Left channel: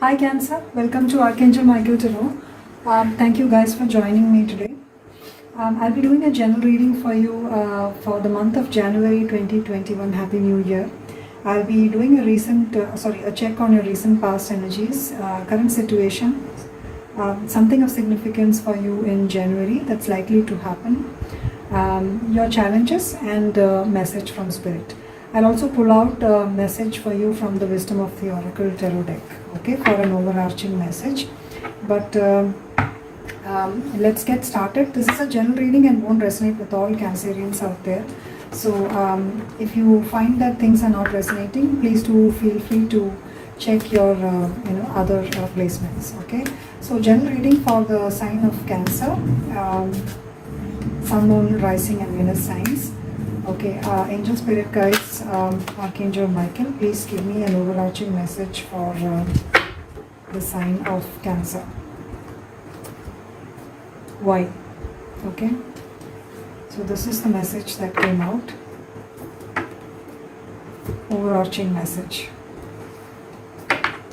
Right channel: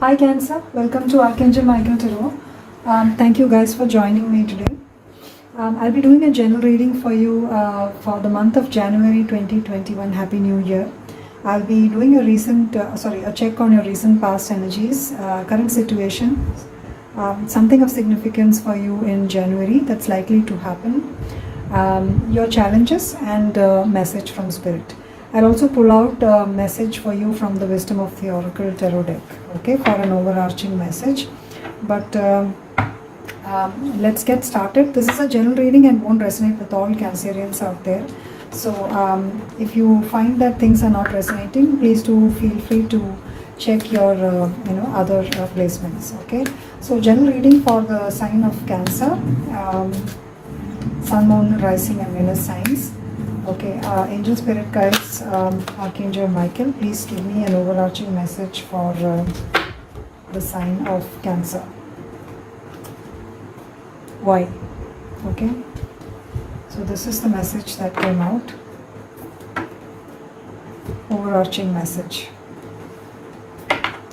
Hi Cancer, welcome to Archangel Michael Tarot. Thank you guys for joining me today. I'll be doing a general reading for you for the month of January 2021. Happy New Year. I'll be doing a check on your recent past energies, current situation, something of significance for you in January that's likely to happen, your challenges, and message from Spirit. I'll also pull out a message for you from the Wisdom of the Oracle Tarot deck, okay, for an overarching message. But let's get started. This is a general reading and won't resonate with all Cancerians out there. So if you find that things are not resonating, please do feel free to check your other placements, okay. So general reading for the sign of Cancer, Sun, Moon, Rising and Venus signs. Okay, Angel Spirit Guides, Archangel Michael, please give me an overarching message for the sign of Cancer. Why? Okay, so this is the message that came out. Overarching message.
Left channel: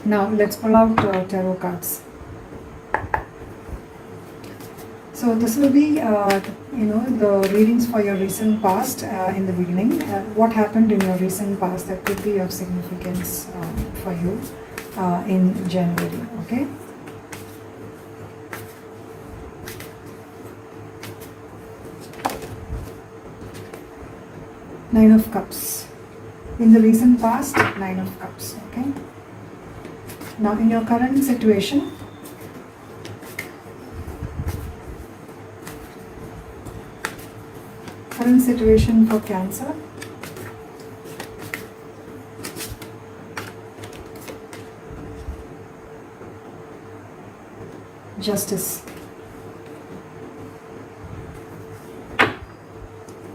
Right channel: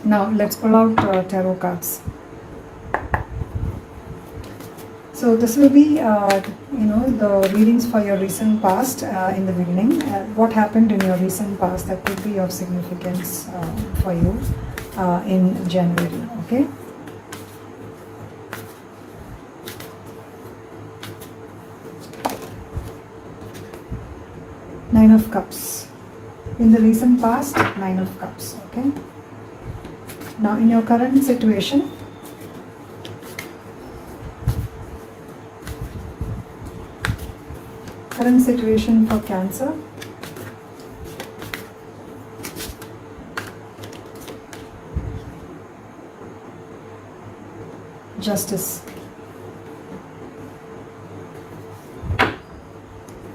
Now let's pull out tarot cards. So this will be, the readings for your recent past in the beginning. What happened in your recent past that could be of significance for you in January, okay? Nine of Cups. In the recent past, Nine of Cups, okay? Now in your current situation, for Cancer, Justice.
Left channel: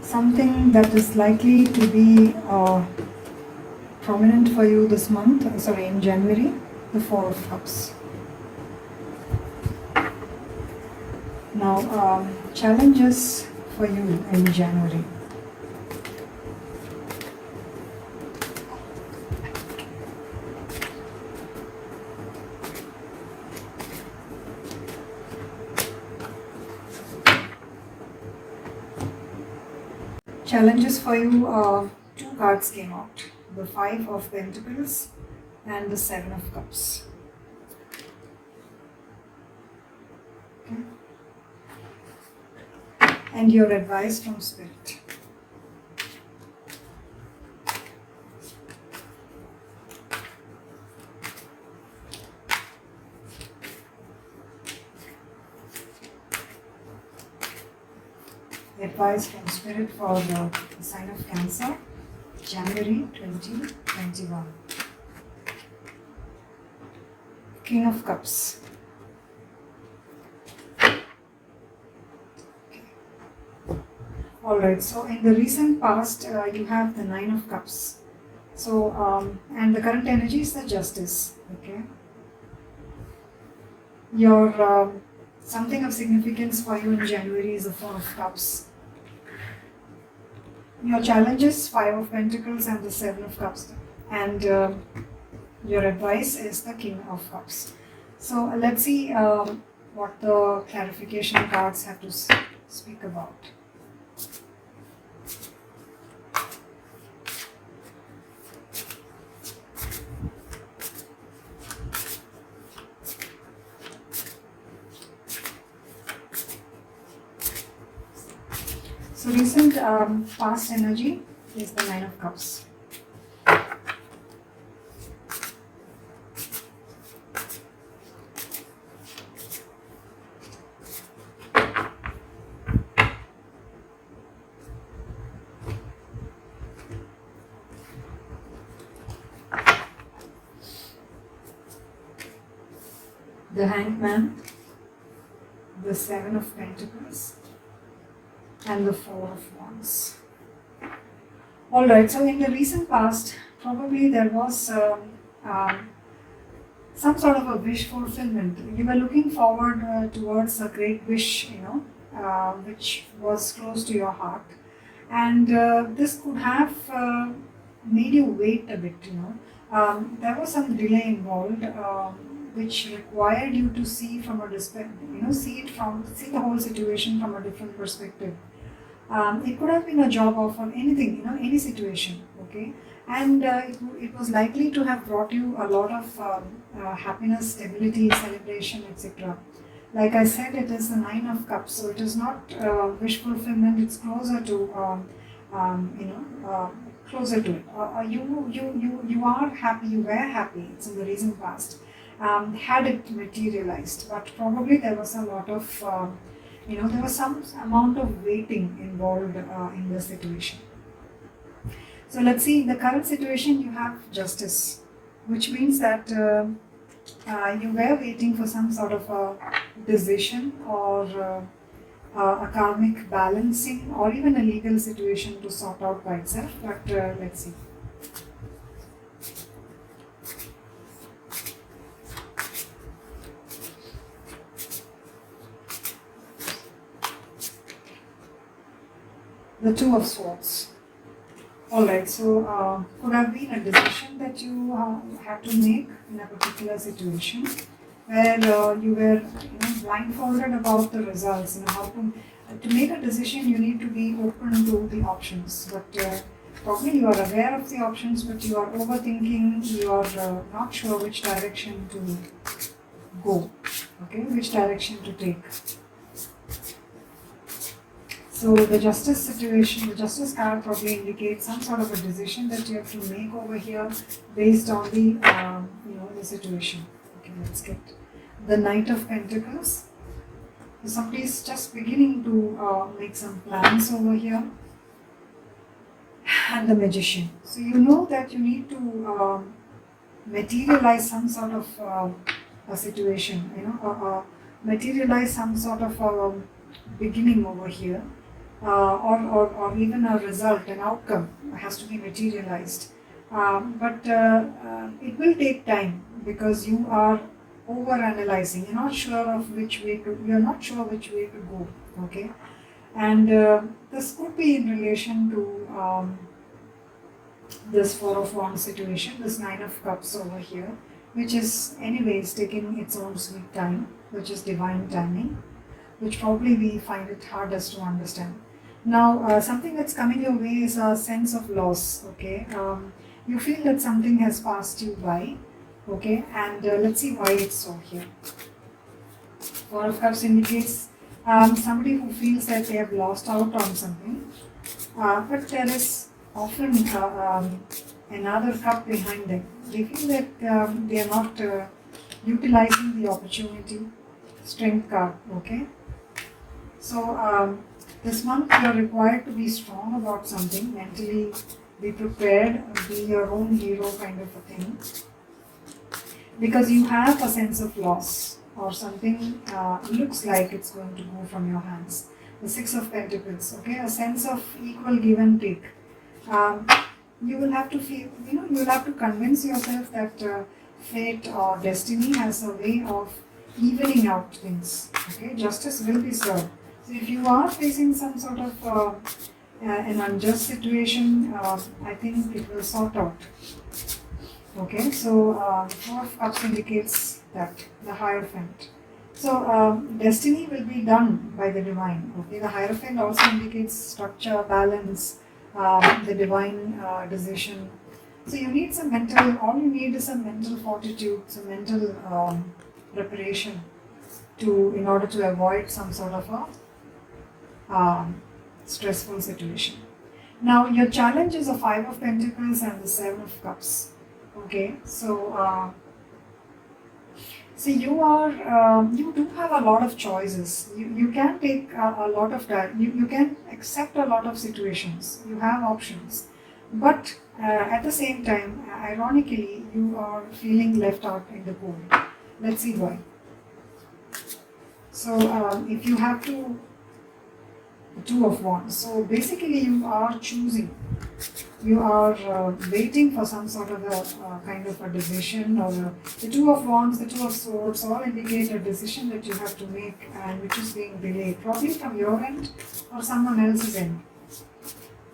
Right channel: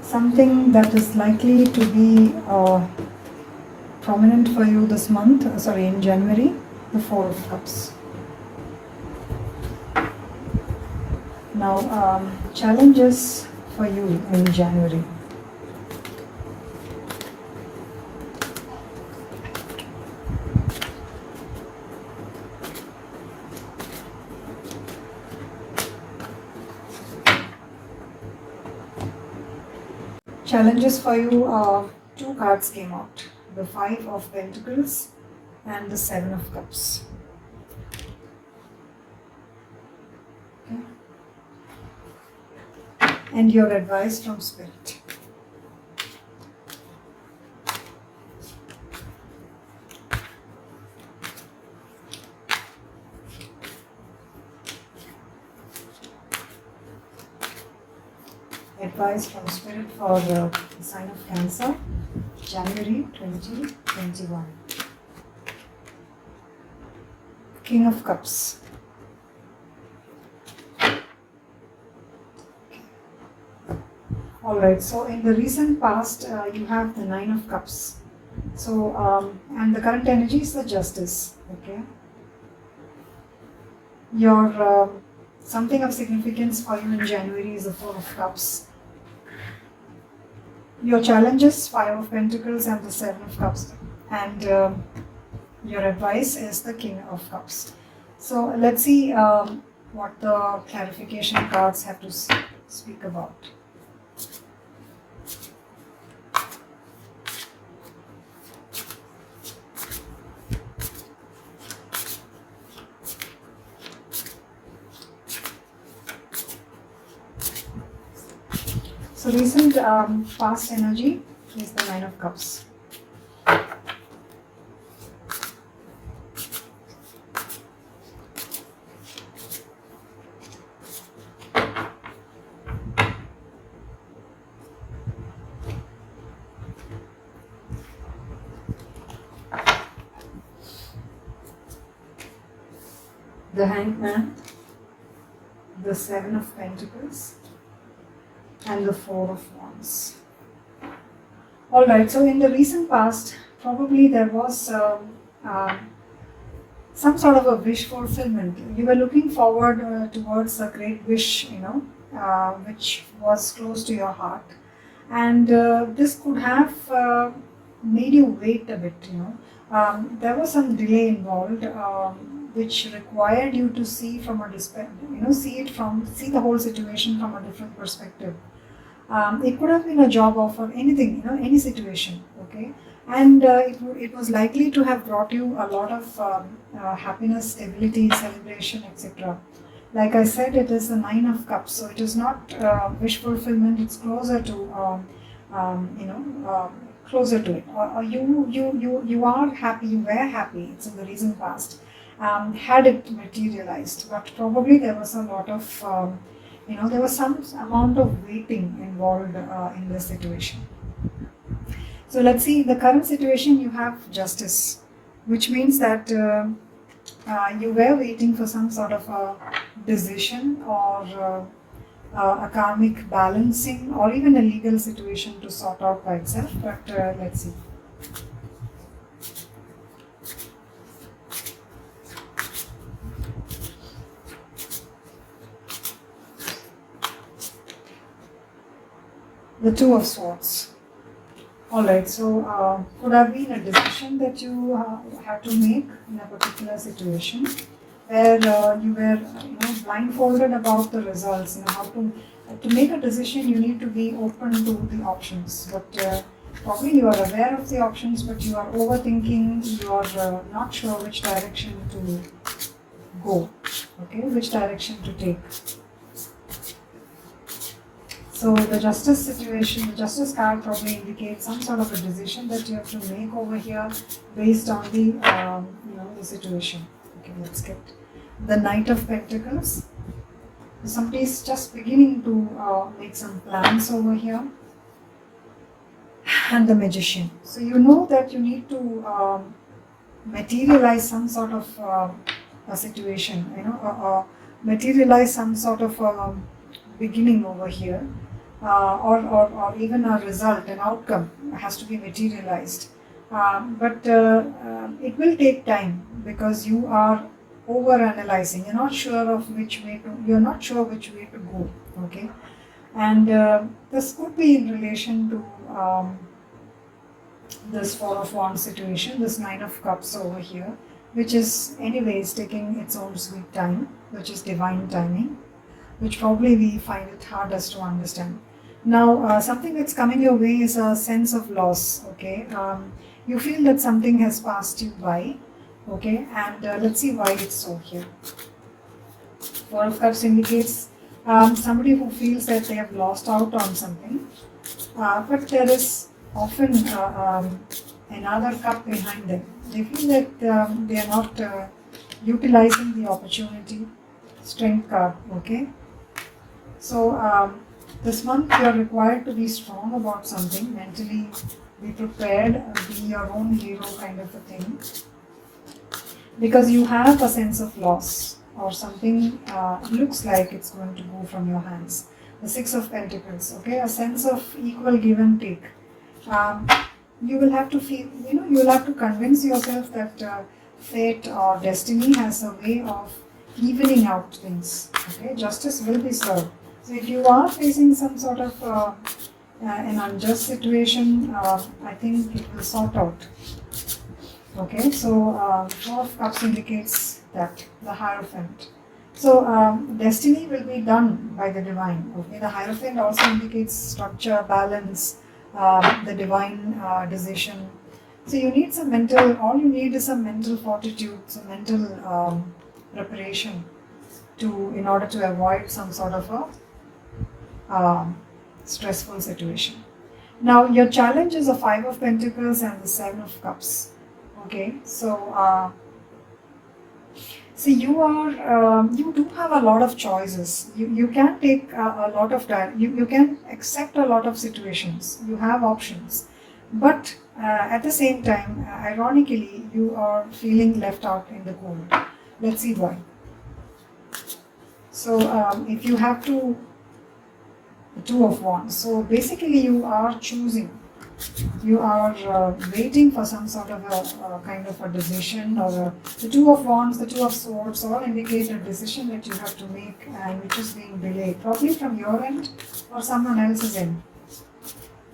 Something that is likely to be prominent for you this month, in January, the Four of Cups. Now, challenges for you in January. Challenges for you, two cards came out. The Five of Pentacles and the Seven of Cups. Okay. And your advice from Spirit. Advice from Spirit for the sign of Cancer, January 2021. King of Cups. Alright, so in the recent past, you have the Nine of Cups. So, and the current energy is the Justice, okay? Your, something of significance for you in January is the Four of Cups. Your challenges, Five of Pentacles and the Seven of Cups. And your advice is the King of Cups. So, let's see what the clarification cards have to speak about. So recent past energy is the Nine of Cups. The Hanged Man, the Seven of Pentacles, and the Four of Wands. Alright, so in the recent past, probably there was some sort of a wish fulfillment. You were looking forward towards a great wish, which was close to your heart. And this could have made you wait a bit, there was some delay involved. which required you to see from a see the whole situation from a different perspective. It could have been a job offer, anything, any situation, okay? And it was likely to have brought you a lot of happiness, stability, celebration, etc. Like I said, it is the Nine of Cups, so it is not wish fulfillment. It's closer to, closer to it. Or you are happy. You were happy. It's in the recent past. Had it materialized, but probably there was a lot of, there was some amount of waiting involved in this situation. So let's see, the current situation, you have Justice, which means that you were waiting for some sort of a decision or a karmic balancing or even a legal situation to sort out by itself, but let's see. The Two of Swords. Alright, so could have been a decision that you had to make in a particular situation where you were blindfolded about the results. How to make a decision, you need to be open to the options. But probably you are aware of the options, but you are overthinking, you are not sure which direction to go, okay, which direction to take. So the Justice situation, the Justice card probably indicates some sort of a decision that you have to make over here based on the the situation. Okay, let's get the Knight of Pentacles. So somebody is just beginning to make some plans over here, and the Magician. So you know that you need to materialize some sort of a situation. Materialize some sort of beginning over here. Or even a result, an outcome has to be materialized. But it will take time because you are over-analyzing. You're not sure which way to go. Okay, and this could be in relation to this Four of Wands situation, this Nine of Cups over here, which is anyways taking its own sweet time, which is divine timing, which probably we find it hardest to understand. Now, something that's coming your way is a sense of loss, okay? You feel that something has passed you by, okay? And let's see why it's so here. Four of Cups indicates somebody who feels that they have lost out on something, but there is often another cup behind them. They feel that they are not utilizing the opportunity. Strength card, okay? So this month you are required to be strong about something, mentally be prepared, be your own hero kind of a thing. Because you have a sense of loss or something looks like it's going to go from your hands. The Six of Pentacles, okay? A sense of equal give and take. You will have to feel, you will have to convince yourself that fate or destiny has a way of evening out things, okay? Justice will be served. So if you are facing some sort of an unjust situation, I think it will sort out. Okay, so Four of Cups indicates that, the Hierophant. So destiny will be done by the divine. Okay, the Hierophant also indicates structure, balance, the divine decision. So you need some all you need is some mental fortitude, some mental preparation in order to avoid some sort of a stressful situation. Now your challenge is the Five of Pentacles and the Seven of Cups. Okay, so you do have a lot of choices. You can take a lot of time. You can accept a lot of situations. You have options, but at the same time, ironically, you are feeling left out in the cold. Let's see why. So if you have to. The Two of Wands. So basically you are choosing, you are waiting for some sort of a kind of a decision or the Two of Wands, the Two of Swords all indicate a decision that you have to make and which is being delayed, probably from your end or someone else's end.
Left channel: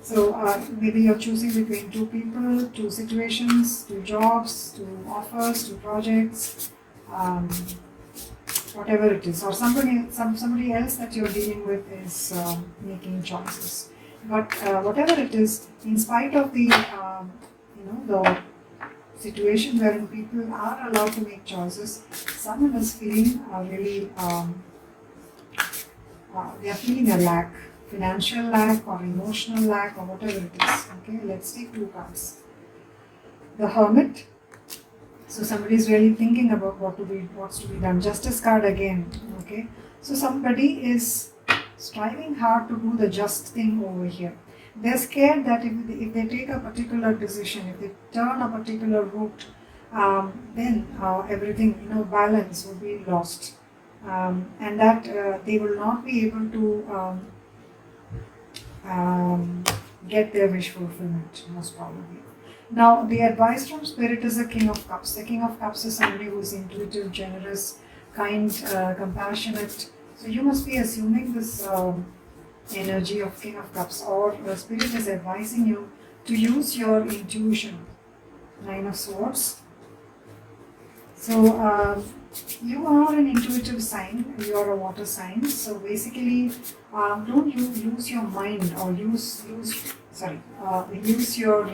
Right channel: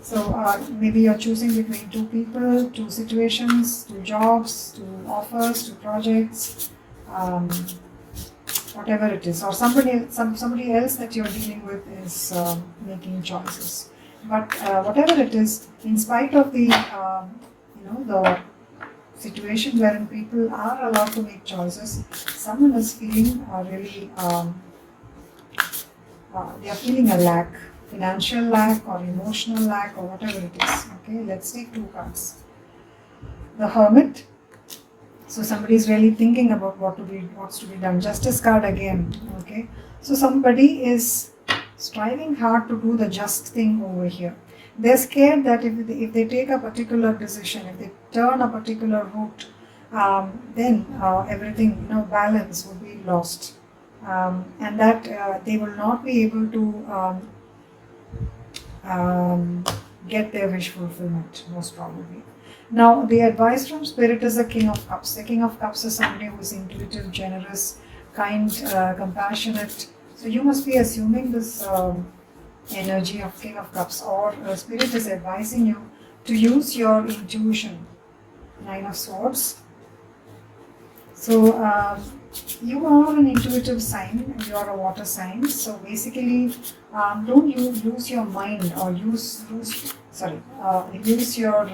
So maybe you're choosing between two people, two situations, two jobs, two offers, two projects, um, whatever it is, or somebody else that you're dealing with is making choices. But whatever it is, in spite of the the situation wherein people are allowed to make choices, someone is feeling really they are feeling a lack, financial lack or emotional lack or whatever it is. Okay, let's take 2 cards. The Hermit. So somebody is really thinking about what's to be done. Justice card again. Okay, so somebody is striving hard to do the just thing over here. They're scared that if they take a particular decision, if they turn a particular route, then everything, balance will be lost, and that they will not be able to get their wish fulfillment, most probably. Now, the advice from Spirit is the King of Cups. The King of Cups is somebody who is intuitive, generous, kind, compassionate. So you must be assuming this energy of King of Cups, or Spirit is advising you to use your intuition. 9 of Swords. So you are an intuitive sign, you are a water sign. So basically, don't you use your mind or use your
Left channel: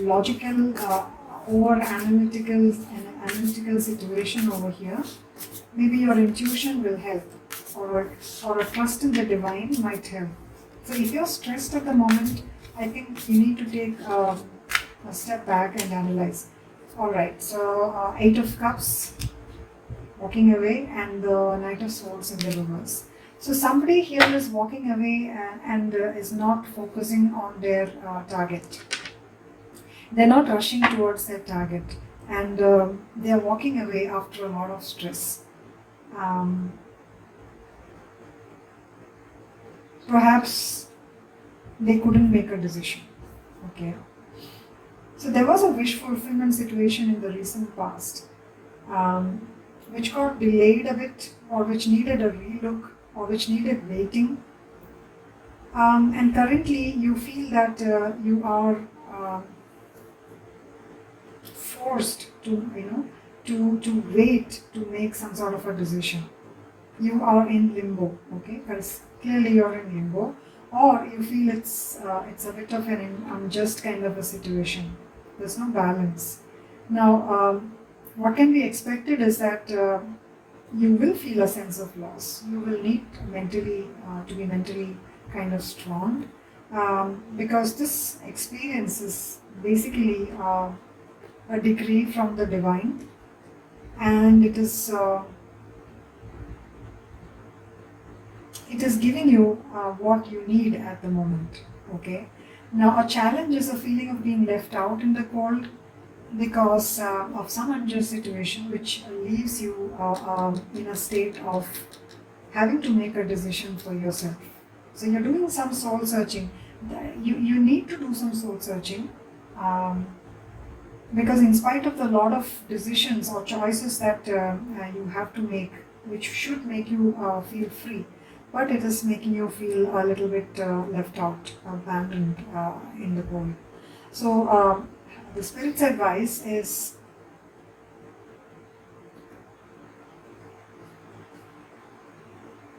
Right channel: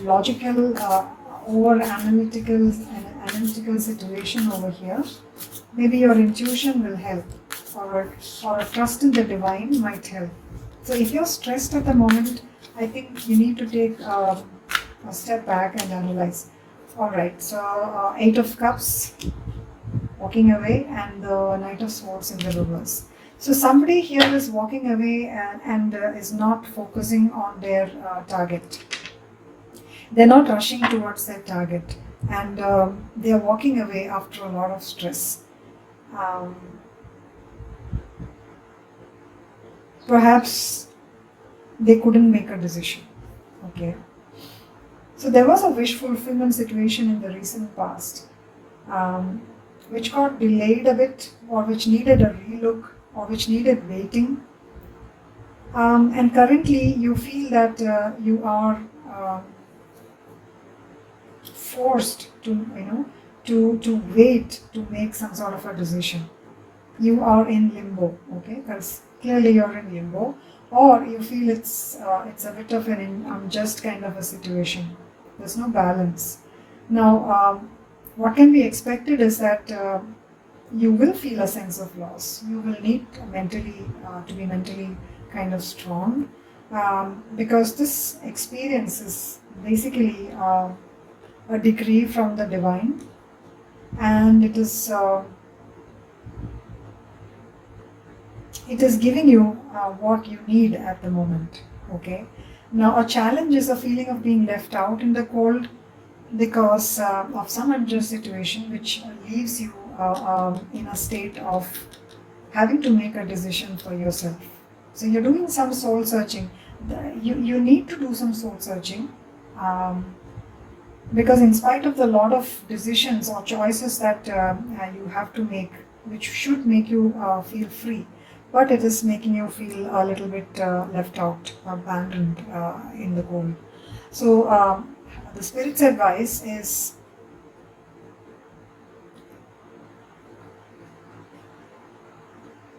logical or analytical situation over here. Maybe your intuition will help, or a trust in the divine might help. So if you're stressed at the moment, I think you need to take a step back and analyze. Alright, so 8 of Cups, walking away, and the Knight of Swords in the reverse. So somebody here is walking away and is not focusing on their target. They're not rushing towards their target, and they're walking away after a lot of stress. Perhaps they couldn't make a decision. Okay. So there was a wish fulfillment situation in the recent past, which got delayed a bit, or which needed a relook, or which needed waiting. And currently you feel that you are forced to wait to make some sort of a decision. You are in limbo, okay? Because clearly you're in limbo, or you feel it's a bit of an unjust kind of a situation. There's no balance. Now, what can be expected is that you will feel a sense of loss. You will need to be mentally kind of strong, because this experience is basically a decree from the divine, and it is giving you what you need at the moment. Okay. Now, a challenge is a feeling of being left out in the cold because of some unjust situation, which leaves you in a state of having to make a decision for yourself. So you're doing some soul searching. You need to do some soul searching, because in spite of the lot of decisions or choices that you have to make, which should make you feel free, but it is making you feel a little bit left out, abandoned in the cold. So the Spirit's advice is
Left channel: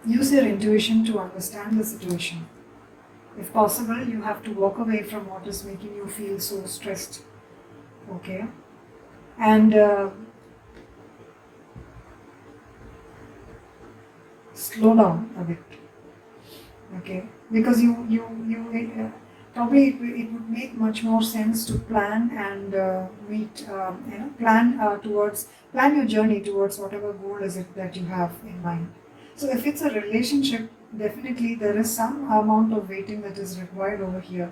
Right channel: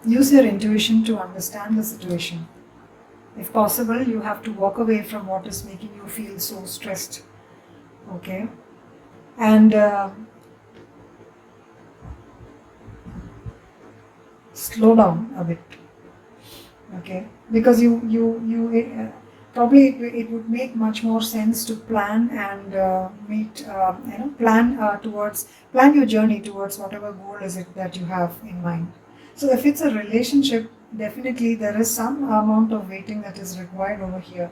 use your intuition to understand the situation. If possible, you have to walk away from what is making you feel so stressed. Okay, and slow down a bit. Okay, because you probably it would make much more sense to plan and plan your journey towards whatever goal is it that you have in mind. So if it's a relationship, definitely there is some amount of waiting that is required over here,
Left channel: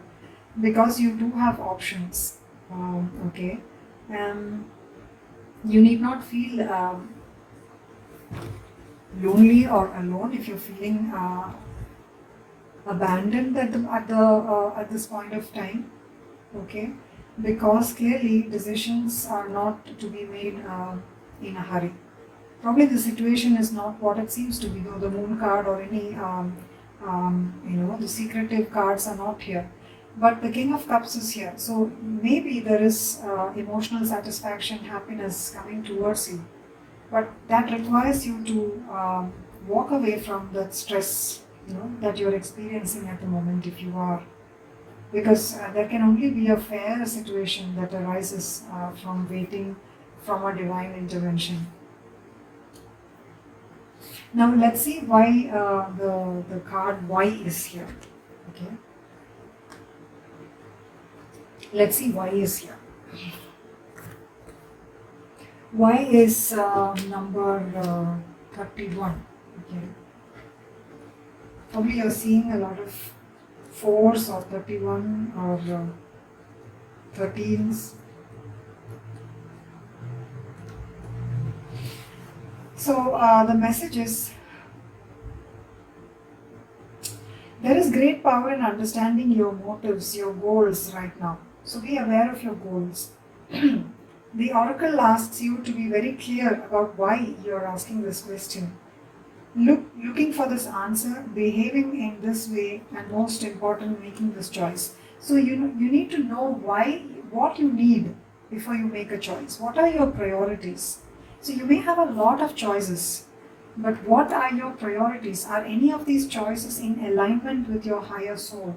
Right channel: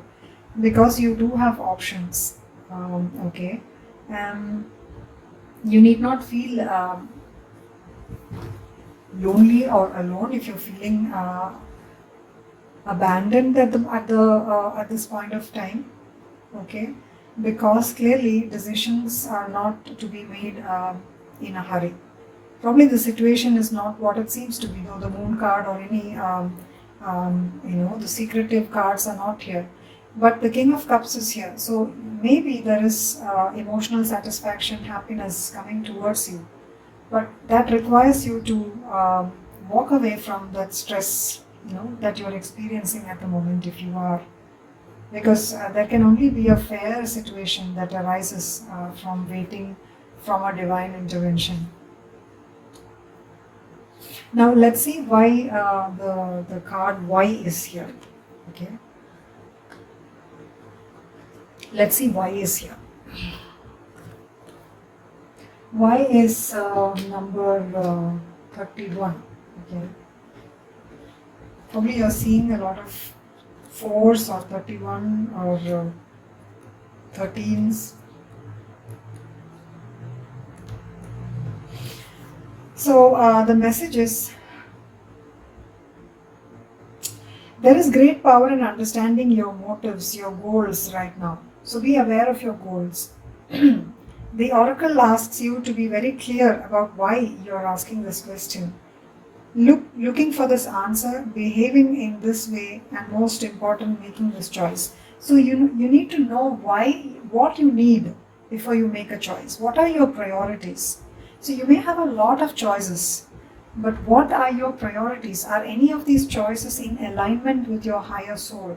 because you do have options. Okay, you need not feel lonely or alone if you're feeling abandoned at this point of time. Okay, because clearly decisions are not to be made in a hurry. Probably the situation is not what it seems to be. The moon card or any the secretive cards are not here. But the King of Cups is here. So maybe there is emotional satisfaction, happiness coming towards you. But that requires you to walk away from that stress, that you're experiencing at the moment if you are. Because there can only be a fair situation that arises from waiting from a divine intervention. Now let's see why the card Y is here. Okay. Let's see why is here. Y is number 31. Okay. Probably you're seeing a lot of 4s or 31 or 13s. So the message is, there is great power in understanding your motives, your goals right now. So be aware of your goals. The oracle asks you to be very clear about why you're asking this question. Looking for this answer, behaving in this way, and most important, making this choice. So you need to know what you need before you make a choice. What are your priorities? So you may have a lot of choices, but what are your priorities? Are any of these choices in alignment with your higher soul?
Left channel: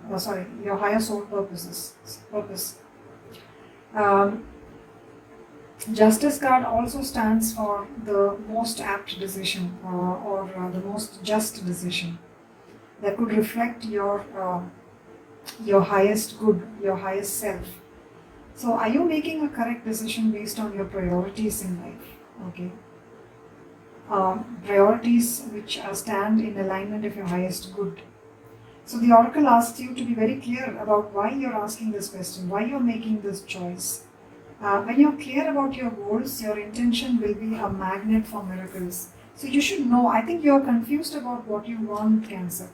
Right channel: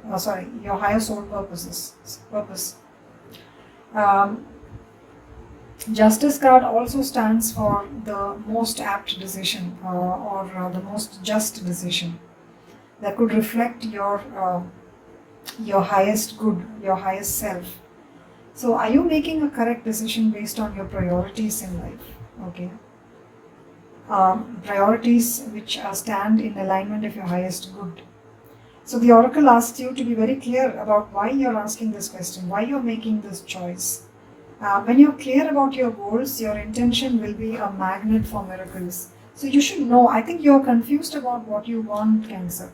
Your higher soul purpose. Justice card also stands for the most apt decision or the most just decision that could reflect your highest good, your highest self. So are you making a correct decision based on your priorities in life? Okay. Priorities which stand in alignment of your highest good. So the oracle asks you to be very clear about why you're asking this question, why you're making this choice. When you're clear about your goals, your intention will be a magnet for miracles. So you should know, I think you're confused about what you want, Cancer.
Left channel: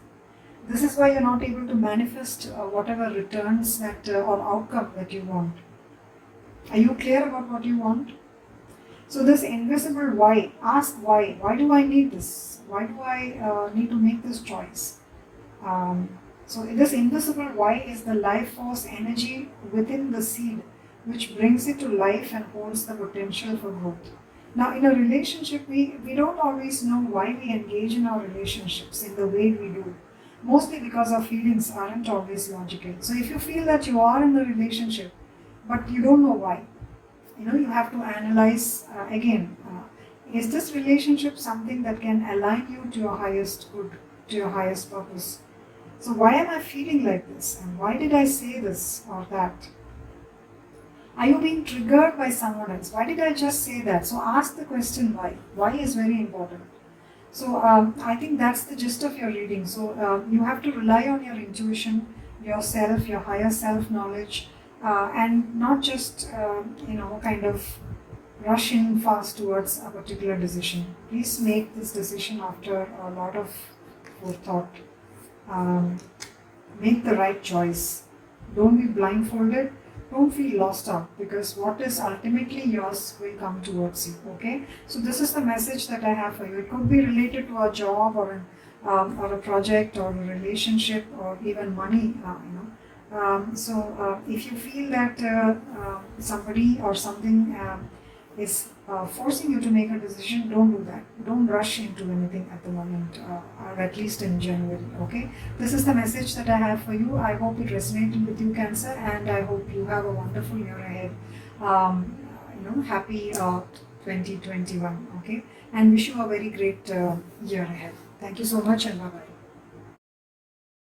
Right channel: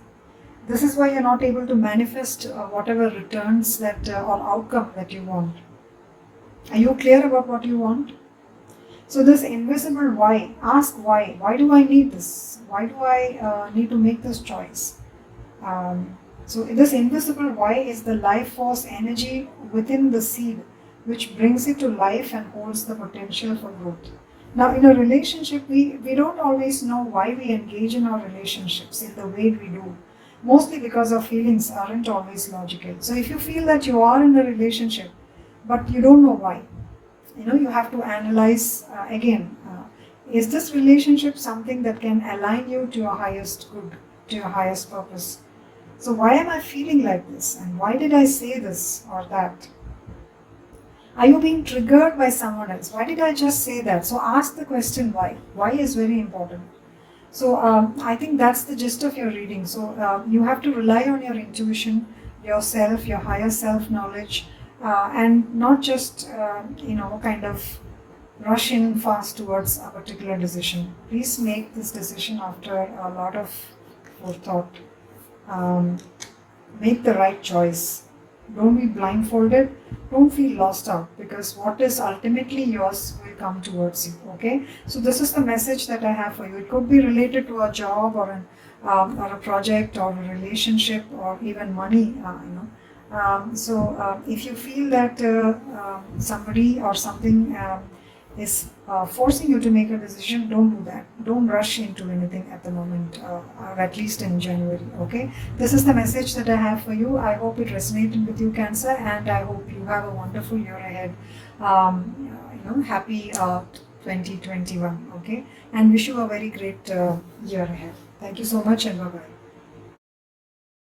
This is why you're not able to manifest whatever returns that or outcome that you want. Are you clear about what you want? So this invisible why, ask why. Why do I need this? Why do I need to make this choice? So this invisible why is the life force energy within the seed, which brings it to life and holds the potential for growth. Now in a relationship, we don't always know why we engage in our relationships in the way we do. Mostly because our feelings aren't always logical. So if you feel that you are in a relationship, but you don't know why, you have to analyze again. Is this relationship something that can align you to your highest good, to your highest purpose? So why am I feeling like this? And why did I say this or that? Are you being triggered by someone else? Why did I just say that? So ask the question why. Why is very important. So I think that's the gist of your reading. So you have to rely on your intuition, yourself, your higher self knowledge, and not just kind of rush in fast towards a particular decision. Please make this decision after a lot of forethought. Make the right choice. Don't be blindfolded. Don't feel lost out, because what is ultimately yours will come towards you. Okay, so this is the message that I have for you. It could be related to a job or a project or a relationship or even money. So if you feel that somebody or something is forcing you to make a decision, don't do that. Don't rush into anything at the moment, or at least in January. Okay, this is the message that I have for you. I hope it resonated with you, Cancer, and I hope you have a wonderful year ahead. Happy 2021. Okay, and wish you a very great year ahead. Thank you so much, and bye bye.